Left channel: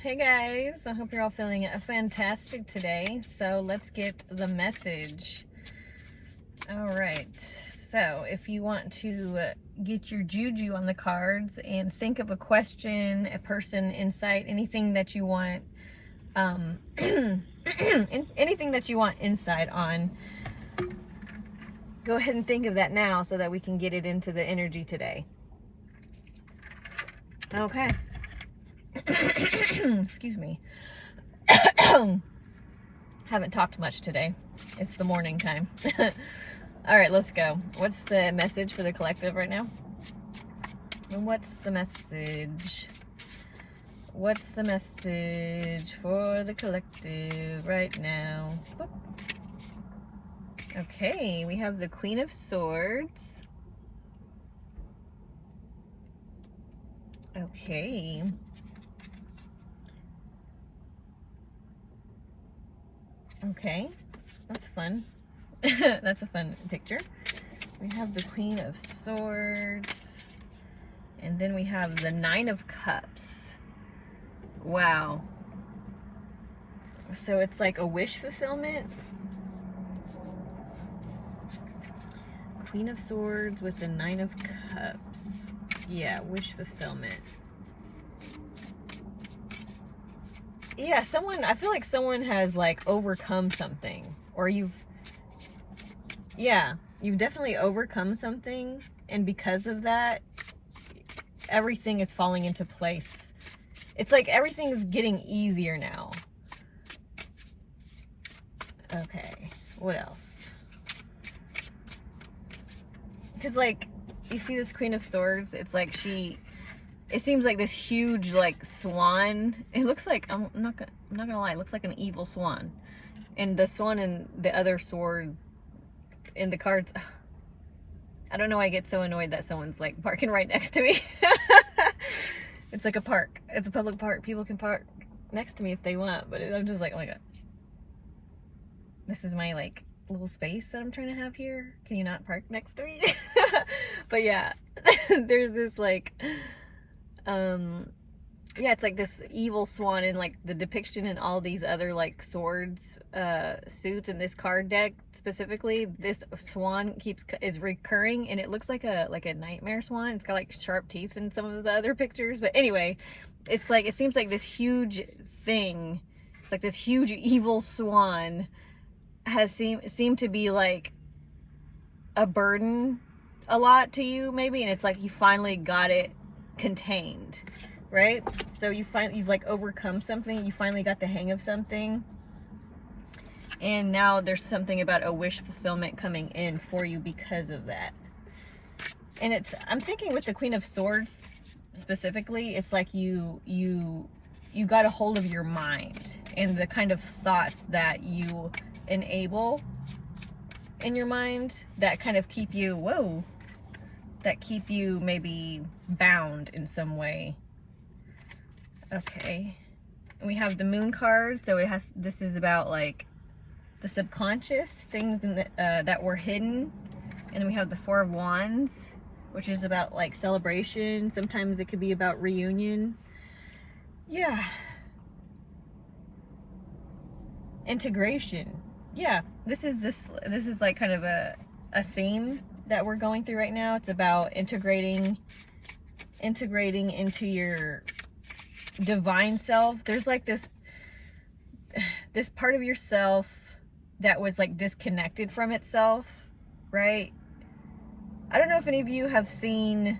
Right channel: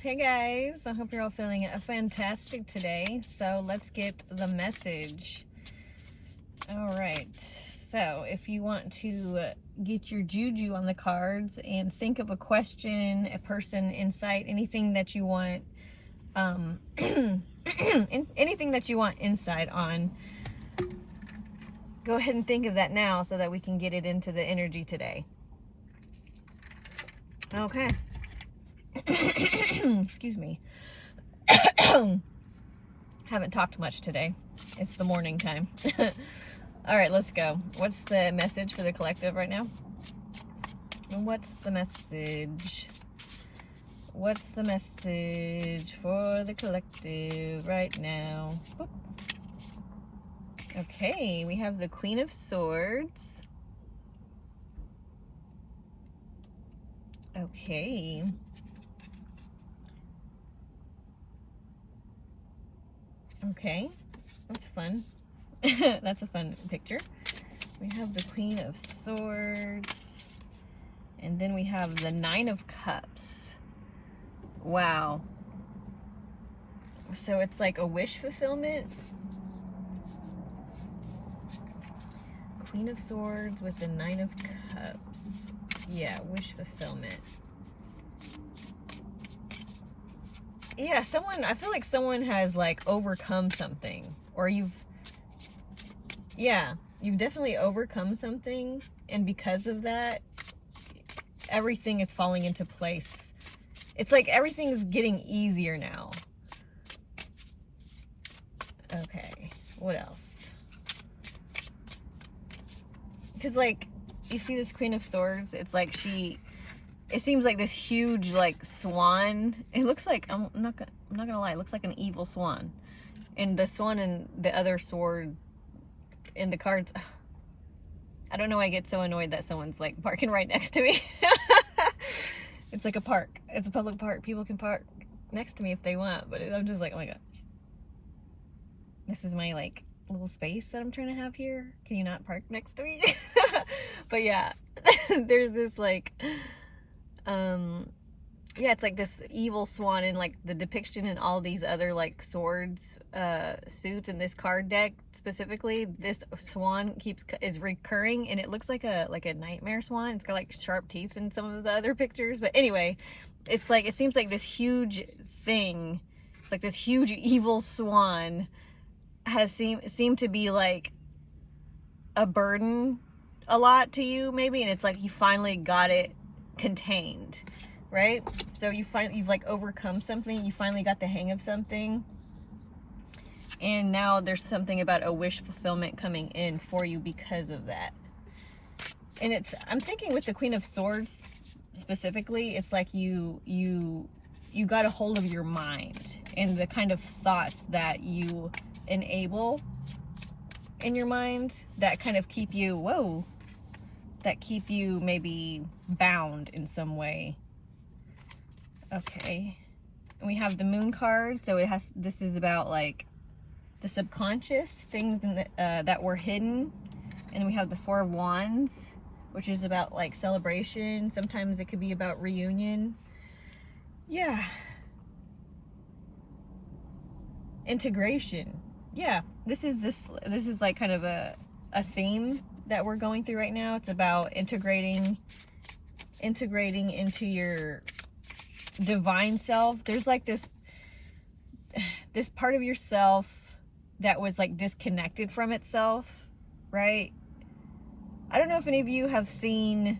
Hey guys, I hope you're all feeling fantastic today. So let's get the message. All right, so if you want to get your juju on the cards and think of a question, a person, insight, anything that you want, anything that you want insight on, go ahead and think of that now so that we can get it into the energy today. Okay. Excuse me. Haven't talked much today. It's the morning time. All right, let's go. What's the message for the collective right now? What's the message? What's the message for the collective right now? Boop. Okay, we have the Queen of Swords. Okay. Okay, that's fun. That's a fun picture. We have the Queen of Swords, and then we have the Nine of Cups. Wow. So it's like a wish fulfillment. Queen of Swords with the Nine of Cups. Yeah, wish fulfillment. Yeah, I feel like someone has like overcome something, or you've definitely overcome something, and because of that, everything is falling into place. It's like everything's getting easier now. Okay, what else? Because like, you see this Queen of Swords, it's like it seems like this huge like swan. It looks like, I'm not gonna lie, it looks like an evil swan. And the swan and the other sword in the cards, I don't know why I get so annoyed that someone's like parking right next to me. It's like a park. It's a public park. People can park next to me if they want, but I'm just like, oh my god. This is my like little space that I'm trying to have here. Can you not park next to me? But yeah, there's this like, yeah, it's like this evil swan, and like the depiction in all these other like swords suits in this card deck specifically, this swan is recurring, and it looks like a nightmare swan. It's got like sharp teeth in some of the other pictures, but anyway, it's like, it seems like this huge thing, it's like this huge evil swan has seemed to be like a burden a lot to you maybe, and it's like you finally got it contained, right? So you've like overcome something, you finally got the hang of something, and now there's something about a wish fulfillment coming in for you because of that. And I'm thinking with the Queen of Swords specifically, it's like you got a hold of your mind and the kind of thoughts that you enable in your mind that kind of keep you, that keep you maybe bound in some way. Okay, we have the Moon card, so this is about like the subconscious things in that were hidden. And we have the Four of Wands, which is about like celebration. Sometimes it could be about reunion. Yeah, integration. Yeah, this is like kind of a theme that we're going through right now. It's about integrating into your divine self. There's like this part of yourself that was like disconnected from itself, right? I don't know if any of you have seen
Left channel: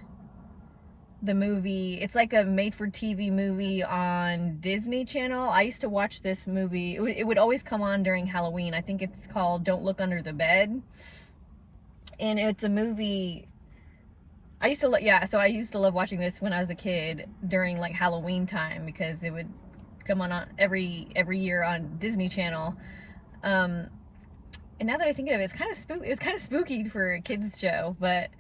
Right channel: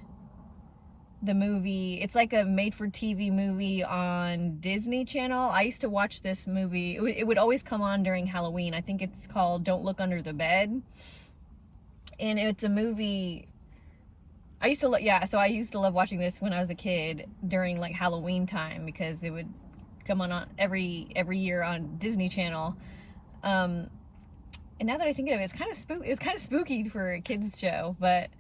the movie. It's like a made-for-TV movie on Disney Channel. I used to watch this movie. It would always come on during Halloween. I think it's called Don't Look Under the Bed. And it's a movie I used to love watching this when I was a kid during like Halloween time, because it would come on every year on Disney Channel. And now that I think of it, it was kind of spooky for a kids show, but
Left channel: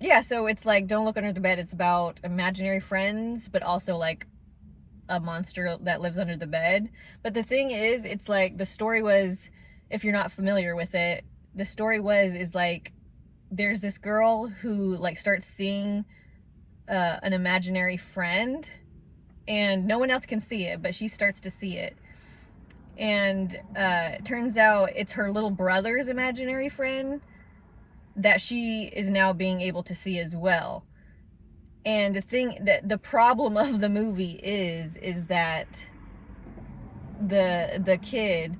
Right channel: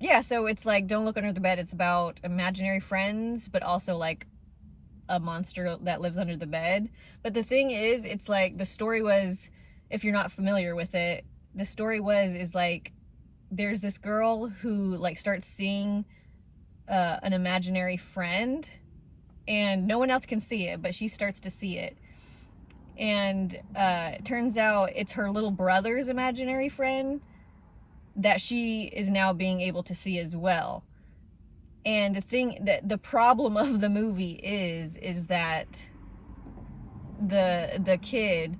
yeah, so it's like Don't Look Under the Bed. It's about imaginary friends, but also like a monster that lives under the bed. But the thing is, it's like, the story was, if you're not familiar with it, the story is like, there's this girl who like starts seeing an imaginary friend, and no one else can see it, but she starts to see it. And it turns out it's her little brother's imaginary friend that she is now being able to see as well. And the problem of the movie is that the kid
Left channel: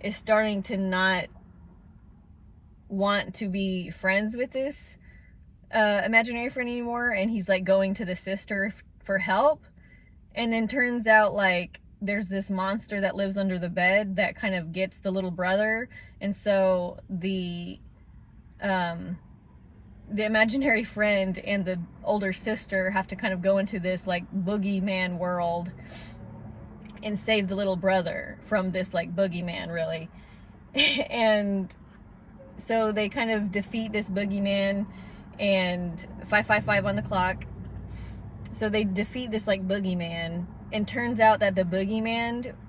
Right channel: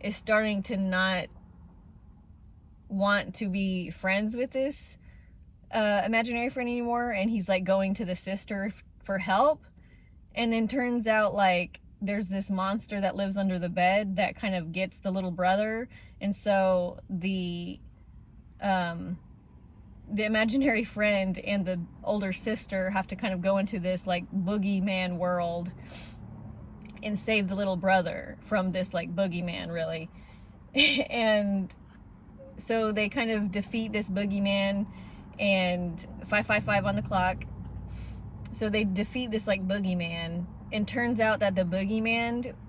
is starting to not want to be friends with this imaginary friend anymore, and he's like going to the sister for help. And then turns out like there's this monster that lives under the bed that kind of gets the little brother, and so the imaginary friend and the older sister have to kind of go into this like boogeyman world and save the little brother from this like boogeyman, really. And so they kind of defeat this boogeyman, and 555 on the clock. So they defeat this like boogeyman, and turns out that it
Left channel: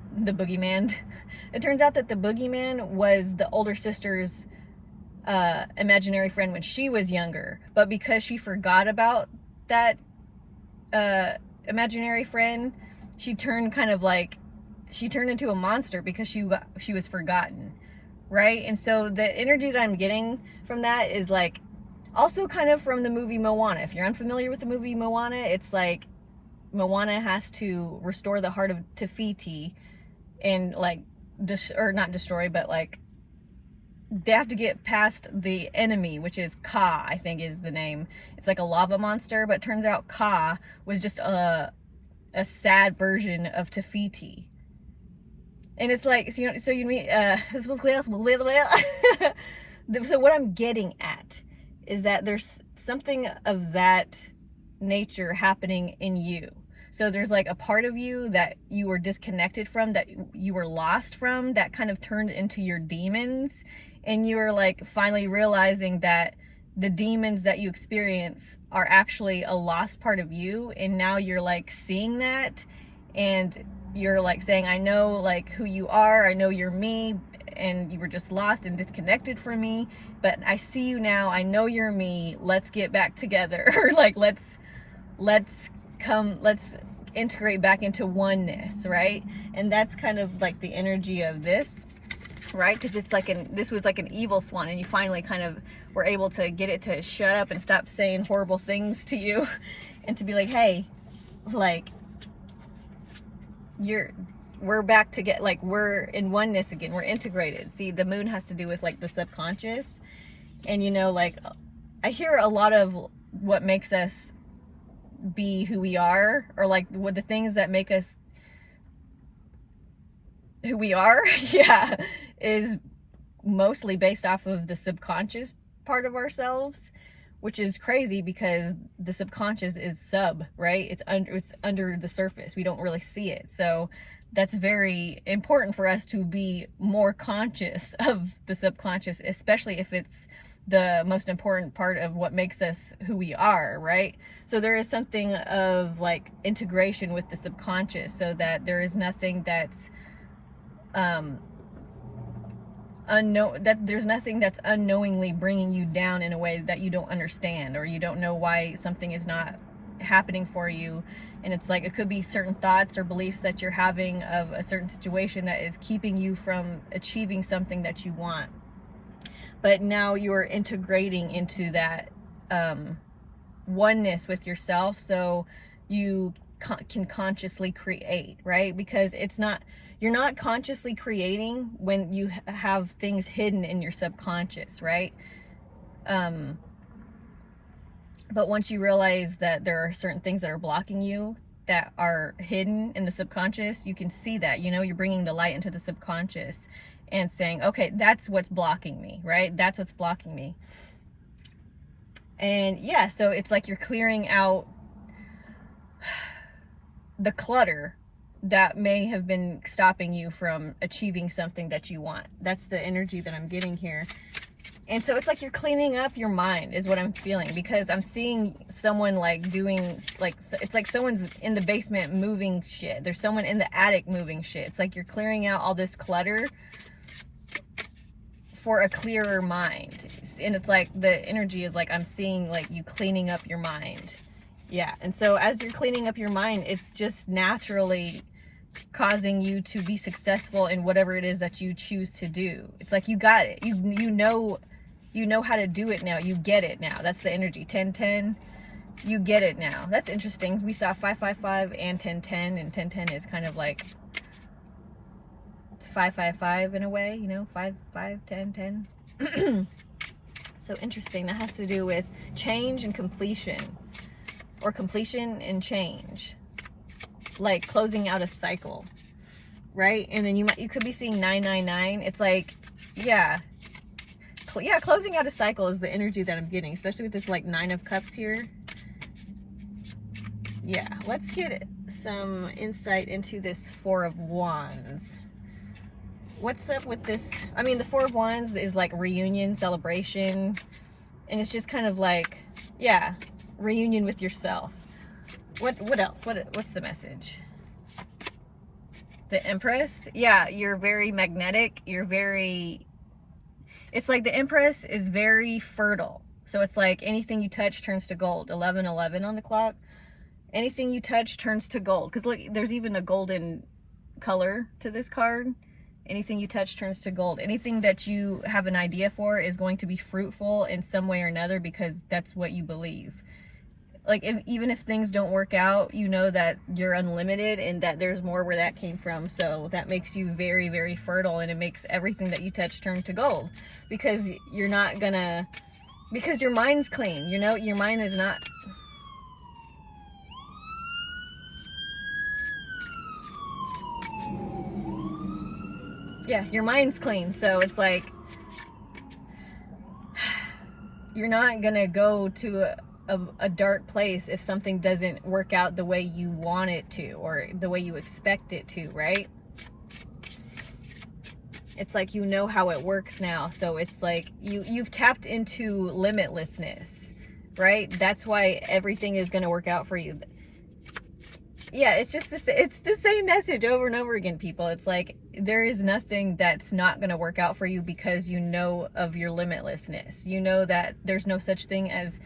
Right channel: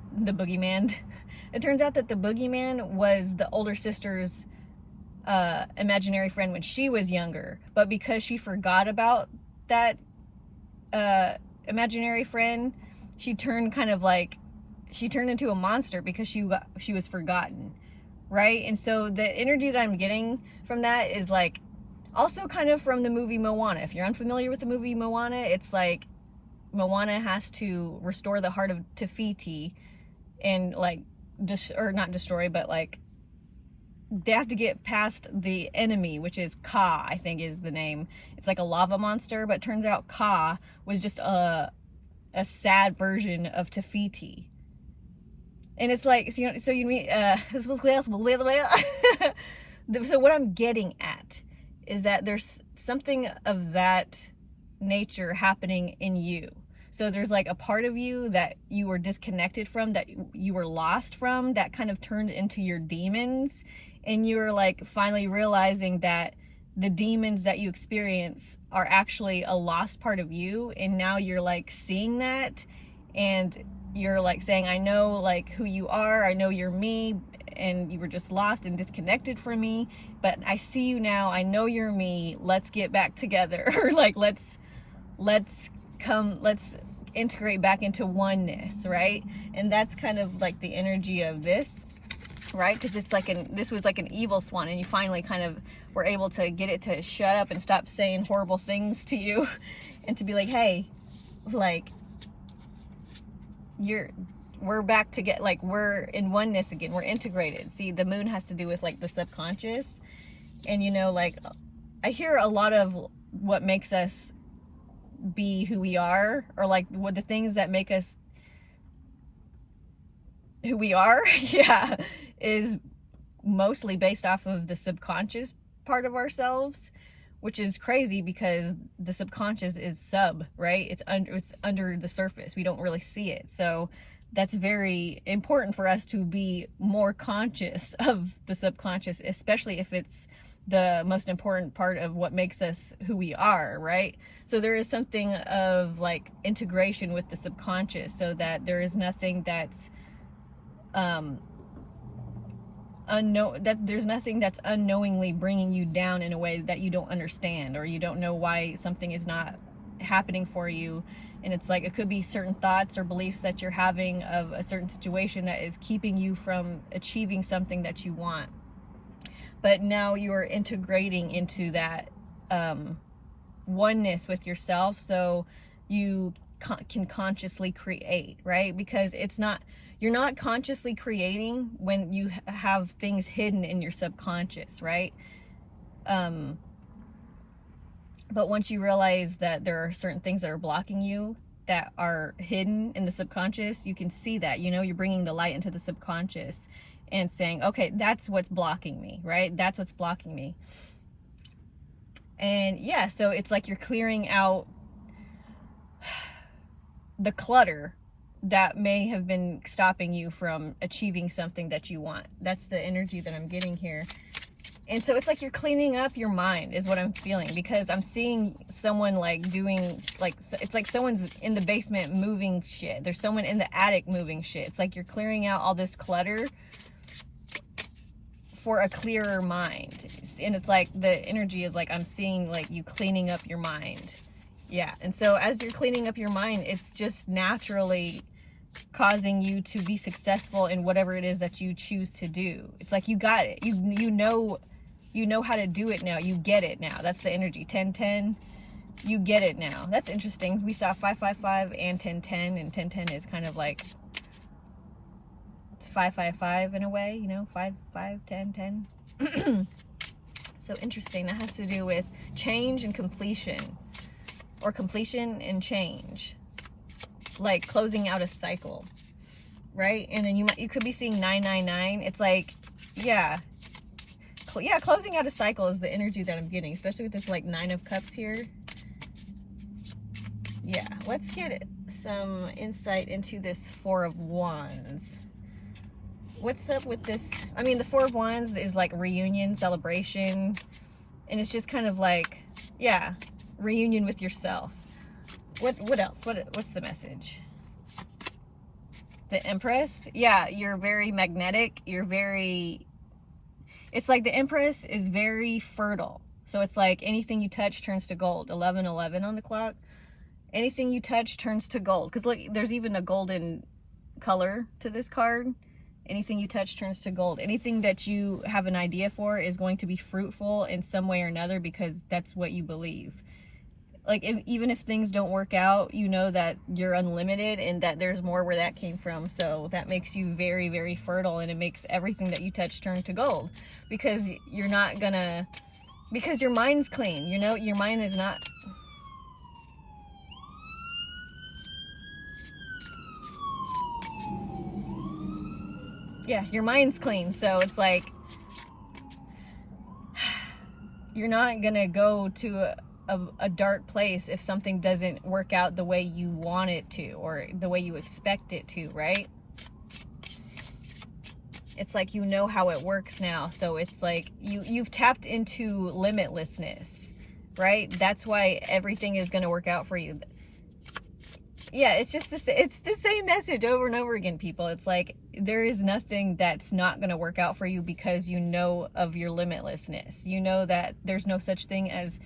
turns out that the boogeyman was the older sister's imaginary friend when she was younger. But because she forgot about that imaginary friend, she turned into a monster because she was forgotten, right? And so the energy that I'm getting from that is like also kind of from the movie Moana. If you're unfamiliar with the movie Moana, it's like Moana has to restore the heart of Te Fiti, and like not destroy, but like they have to get past the enemy, which is Ka, I think is the name. It's like a lava monster, but it turns out Ka was just a sad version of Te Fiti. And it's like, so what I'm getting at is that there's something of that nature happening in you. So there's like a part of you that you were disconnected from, that you were lost from, that kind of turned into your demons. And you were like finally realizing that the demons that you experience are actually a lost part of you. And now you're like seeing that, and you're like saying, I know like who you are, I know you're me, and you were just lost and disconnected from me, but I see you now, I know you're me, let's get back together. Or like let's integrate back into oneness, right? And that's kind of like the energy of this, right? Because it's like this was like an evil swan, and you finally kind of were able to get it to shut up and stop saying horrible things to you, and to be like, hey, like we're back to get, like, we're in oneness again, we're integrated. See, the moon has to do with like the subconscious, and you know, like I hear a lot of what makes us be who we are, or like what the things that make us who we are, yeah, is mostly based off of the subconscious part of ourselves, which is crazy because the subconscious is right? It's under the surface. We don't really see it. So that's very important for us to be more conscious of the subconscious, especially if it's the most important part of what makes us who we are, right? So there is something of like integration with the subconscious, so that there is nothing that's there's nothing that's unknowingly bringing you down in a way that you don't understand, or you don't know why something is not happening for you. And it's like, it could be certain thoughts or beliefs that you're having of a certain situation that is keeping you from achieving something that you want. But now you are integrating into that oneness with yourself, so you can consciously create, right? Because you're not consciously creating when you have things hidden in your subconscious, right? But once you realize that there are certain things that are blocking you that are hidden in the subconscious, you can see that, you know, you're bringing the light into the subconscious and saying, okay, that's what's blocking me, right? That's what's blocking me. And yeah, so it's like you're clearing out the clutter that may have been stopping you from achieving something that you want. That's the energy that I'm getting here. And so it's like you're cleaning up your mind is what I'm feeling, because I'm seeing someone like doing, like, it's like someone's in the basement moving shit. There's someone in the attic moving shit. It's like you're clearing out all this clutter for a clearer mind. And it's like the energy is like, I'm seeing like you cleaning up your mind. Yeah, and so as you're cleaning up your mind, it's just naturally causing you to be successful in whatever it is that you choose to do. It's like you got it. You know how to do it now. You get it now. That's the energy. 10-10. You get it now. That's interesting. We saw 5-5-5 and 10-10, and 10-10 is kind of like 5-5-5 in a way, you know, 5-5-10-10. So interesting. That has to do with change and completion, or completion and change, like closing out a cycle, right? And then you could be seeing 999. It's like, yeah, closing out a cycle is the energy that I'm getting, especially with this like 9 of Cups here. Yeah, let's get some insight into this 4 of Wands. What's up with this? I mean, the 4 of Wands is like reunion, celebration, and it's just kind of like, yeah, reunion with yourself. What else? What's the message? The Empress. Yeah, you're very magnetic. It's like the Empress is very fertile. So it's like anything you touch turns to gold. 11:11 on the clock. Anything you touch turns to gold. Because look, there's even a golden color to this card. Anything you touch turns to gold. Anything that you have an idea for is going to be fruitful in some way or another, because that's what you believe. Like, even if things don't work out, you know that you're unlimited and that there's more where that came from. So that makes you very, very fertile, and it makes everything that you touch turn to gold, because you're not gonna, because your mind's clean, you know, your mind is not. Yeah, your mind's clean. So it's like, you're not gonna go to a dark place if something doesn't work out the way you want it to, or the way you expect it to, right? It's like, you know how it works now. So it's like you've tapped into limitlessness, right? That's why everything is going to work out for you. Yeah, it's just it's the same message over and over again, people. It's like, there is nothing that's not going to work out for you, because you know of your limitlessness. You know that there's no such thing as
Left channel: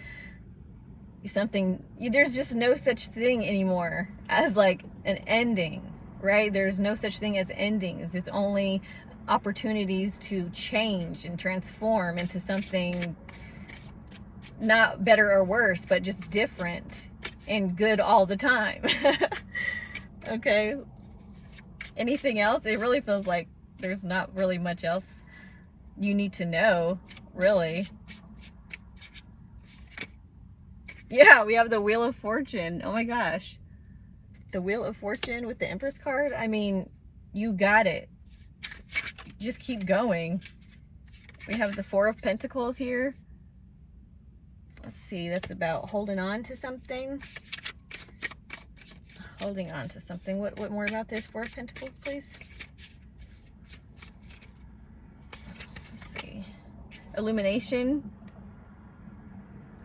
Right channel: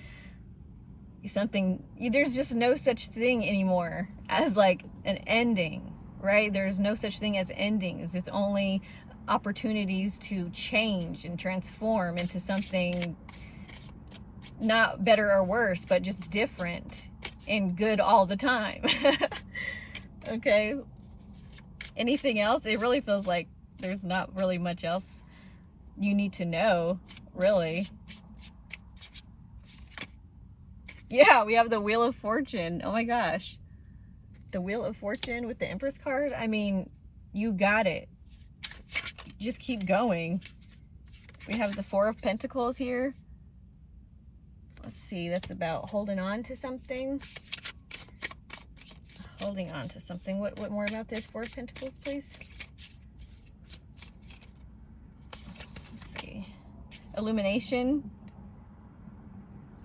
something, there's just no such thing anymore as like an ending, right? There's no such thing as endings. It's only opportunities to change and transform into something not better or worse, but just different and good all the time. Okay, anything else? It really feels like there's not really much else you need to know, really. Yeah, we have the Wheel of Fortune. Oh my gosh. The Wheel of Fortune with the Empress card. I mean, you got it. Just keep going. We have the 4 of Pentacles here. Let's see. That's about holding on to something. Holding on to something. What more about this 4 of Pentacles, please? Let's see. Illumination.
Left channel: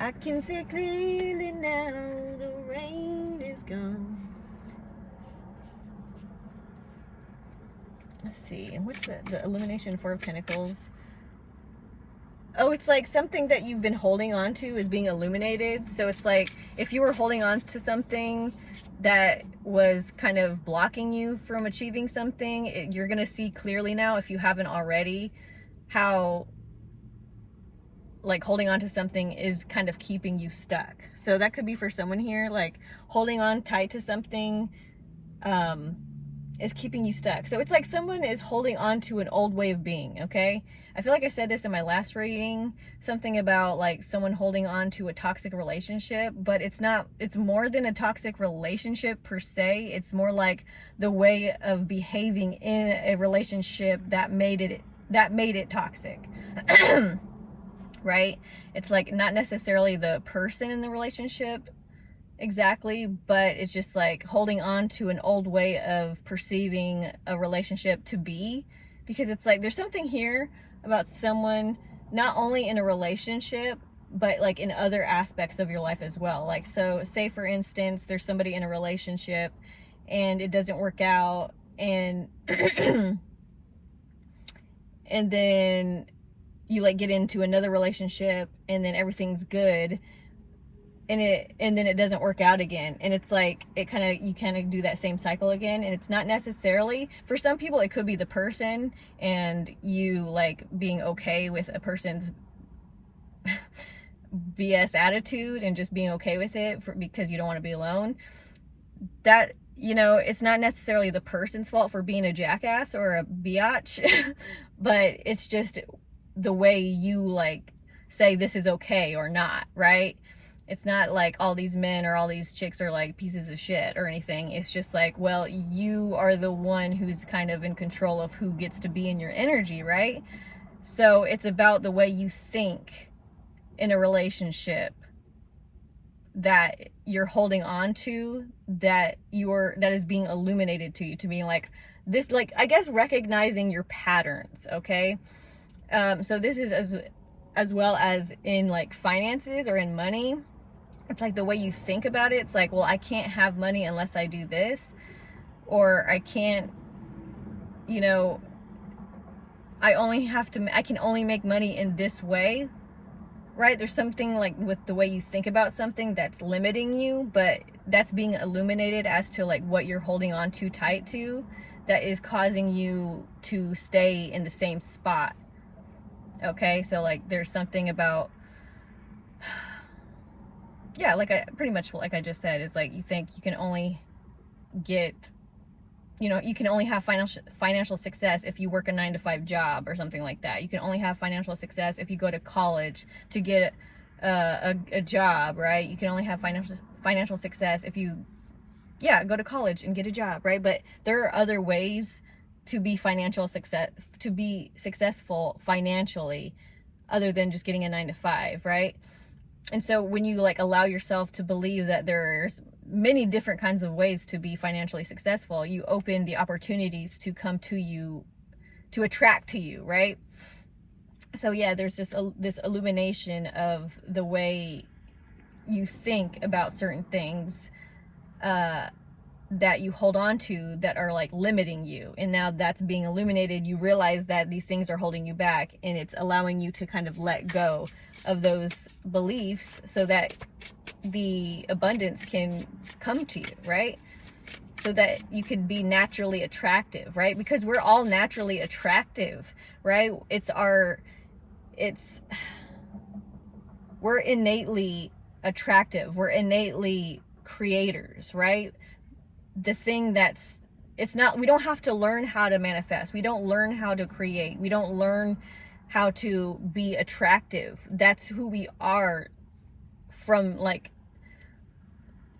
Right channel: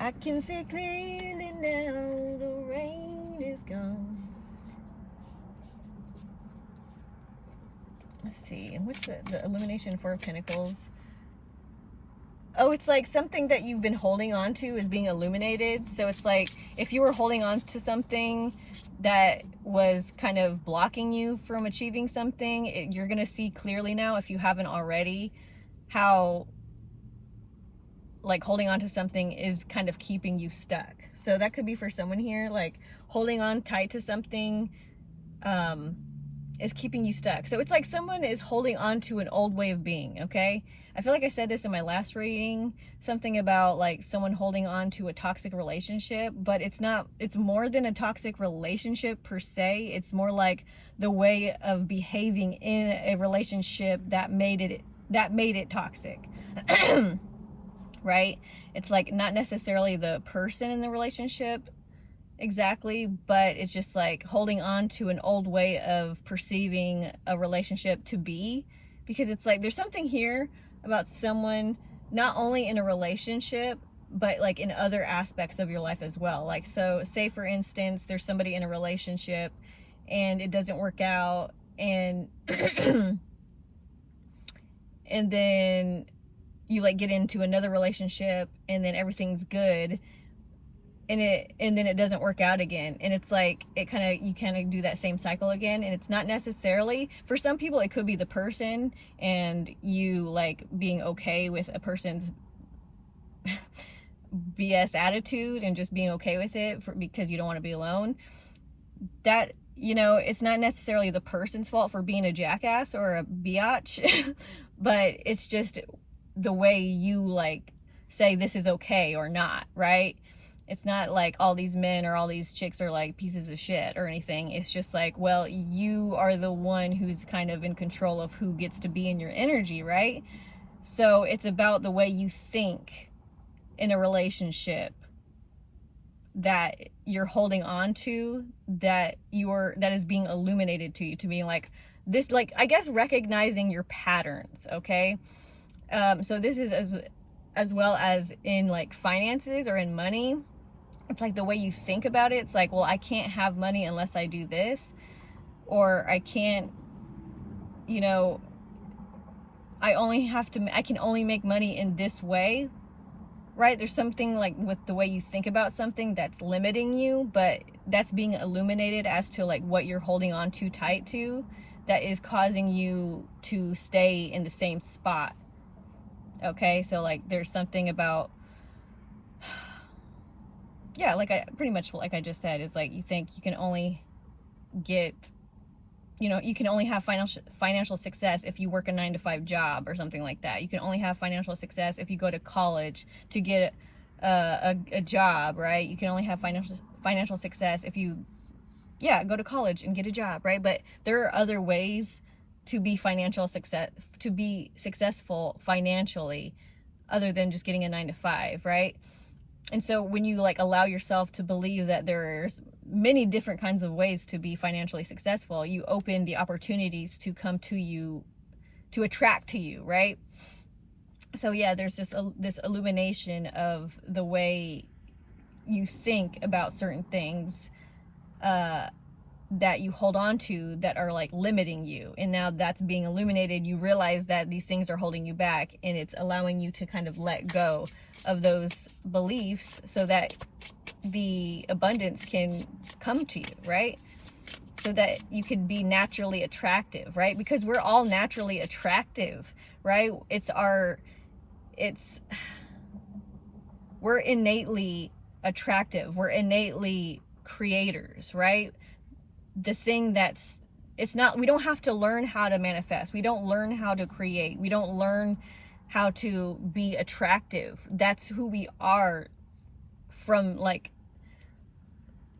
I can see clearly now, the rain is gone. Let's see, what's the illumination 4 of Pentacles? Oh, it's like something that you've been holding on to is being illuminated. So it's like, if you were holding on to something that was kind of blocking you from achieving something, you're going to see clearly now, if you haven't already, how like holding on to something is kind of keeping you stuck. So that could be for someone here, like holding on tight to something is keeping you stuck. So it's like someone is holding on to an old way of being, okay? I feel like I said this in my last reading, something about like someone holding on to a toxic relationship, but it's not, it's more than a toxic relationship per se. It's more like the way of behaving in a relationship that made it toxic. Right? It's like not necessarily the person in the relationship exactly, but it's just like holding on to an old way of perceiving a relationship to be, because it's like there's something here about someone not only in a relationship, but like in other aspects of your life as well. Like, so say for instance, there's somebody in a relationship and it doesn't work out, and and then you like get into another relationship and then everything's good, and then it doesn't work out again, and it's like you kind of do that same cycle again. And it's not necessarily, for some people it could be the person, and you like being okay with a person's BS attitude and just being okay with it because you don't want to be alone. That, you know, it's not necessarily the person's fault for being a jackass or a biatch, but it's just the way you like say this is okay or not, right? It's not like all these men or all these chicks are like pieces of shit or anything. It's just like, well, you are the one who's kind of in control of who gets to be in your energy, right? So it's about the way you think in a relationship that you're holding on to, that is being illuminated to you, to being like this, like, I guess recognizing your patterns. Okay. So this is as well as in like finances or in money. It's like the way you think about it. It's like, well, I can't have money unless I do this, or I can't, you know, I can only make money in this way, right? There's something like with the way you think about something that's limiting you, but that's being illuminated as to like what you're holding on too tight to, that is causing you to stay in the same spot. Okay, so like there's something about, yeah, like like I just said, is like you think you can only get, you know, you can only have financial success if you work a 9-to-5 job or something like that. You can only have financial success if you go to college to get a job, right? You can only have financial success if you, yeah, go to college and get a job, right? But there are other ways to be successful financially, other than just getting a 9-to-5, right? And so when you like allow yourself to believe that there's many different kinds of ways to be financially successful, you open the opportunities to come to you, to attract to you, right? So yeah, there's just this illumination of the way you think about certain things that you hold on to that are like limiting you. And now that's being illuminated. You realize that these things are holding you back, and it's allowing you to kind of let go of those beliefs so that the abundance can come to you, right? So that you could be naturally attractive, right? Because we're all naturally attractive, right? We're innately attractive. We're innately creators, right? The thing we don't have to learn how to manifest. We don't learn how to create. We don't learn how to be attractive. That's who we are from like,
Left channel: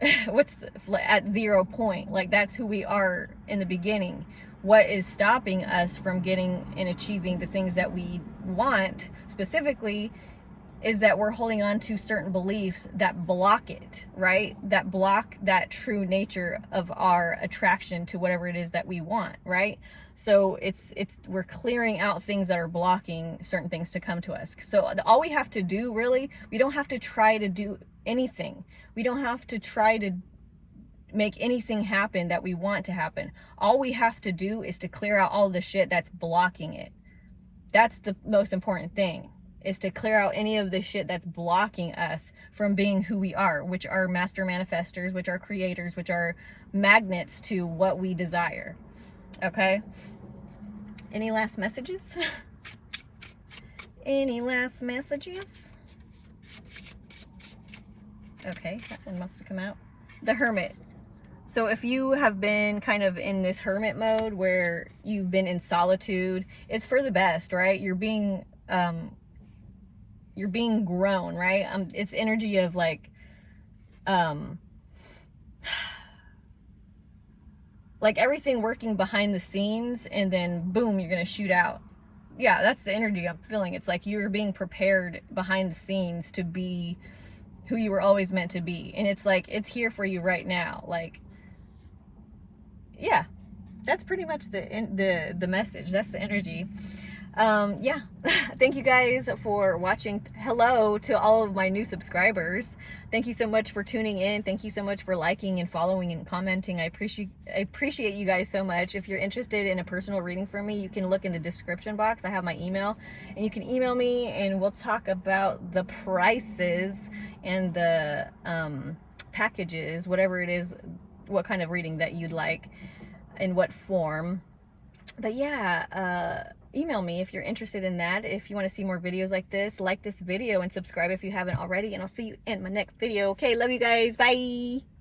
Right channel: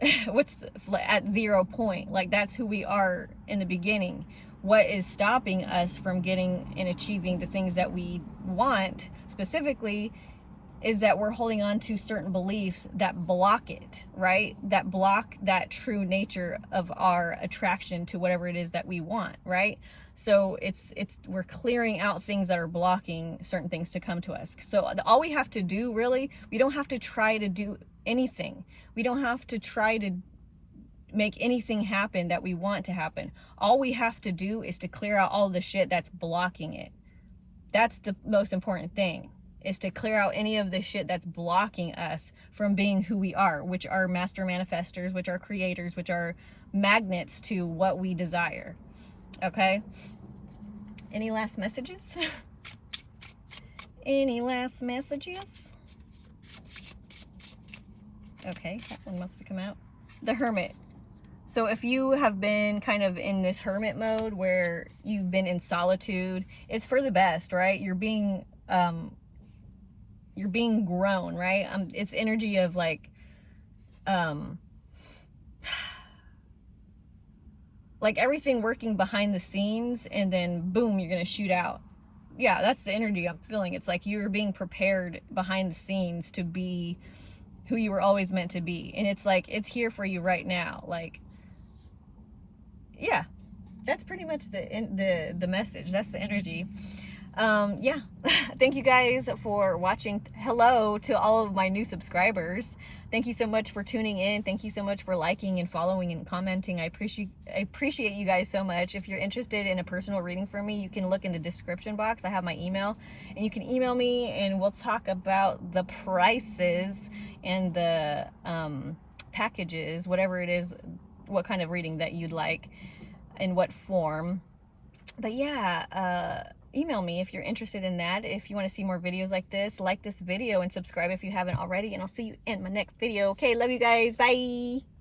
at 0 point. Like that's who we are in the beginning. What is stopping us from getting and achieving the things that we want specifically is that we're holding on to certain beliefs that block it, right? That block that true nature of our attraction to whatever it is that we want, right? So we're clearing out things that are blocking certain things to come to us. So all we have to do, really, we don't have to try to do anything. We don't have to try to make anything happen that we want to happen. All we have to do is to clear out all the shit that's blocking it. That's the most important thing, is to clear out any of the shit that's blocking us from being who we are, which are master manifestors, which are creators, which are magnets to what we desire. Okay? Any last messages? Any last messages? Okay, that one wants to come out. The Hermit. So if you have been kind of in this hermit mode where you've been in solitude, it's for the best, right? You're being grown, right? It's energy of like everything working behind the scenes, and then boom, you're gonna shoot out. Yeah, that's the energy I'm feeling. It's like you're being prepared behind the scenes to be who you were always meant to be, and it's like it's here for you right now. Like, yeah, that's pretty much the message. That's the energy. Yeah. Thank you guys for watching. Hello to all of my new subscribers. Thank you so much for tuning in. Thank you so much for liking and following and commenting. I appreciate you guys so much. If you're interested in a personal reading from me, you can look in the description box. I have my email, and you can email me and we'll talk about the prices. and the packages, whatever it is, what kind of reading that you'd like, in what form. But yeah, email me if you're interested in that. If you want to see more videos like this video and subscribe if you haven't already, and I'll see you in my next video. Okay, love you guys. Bye.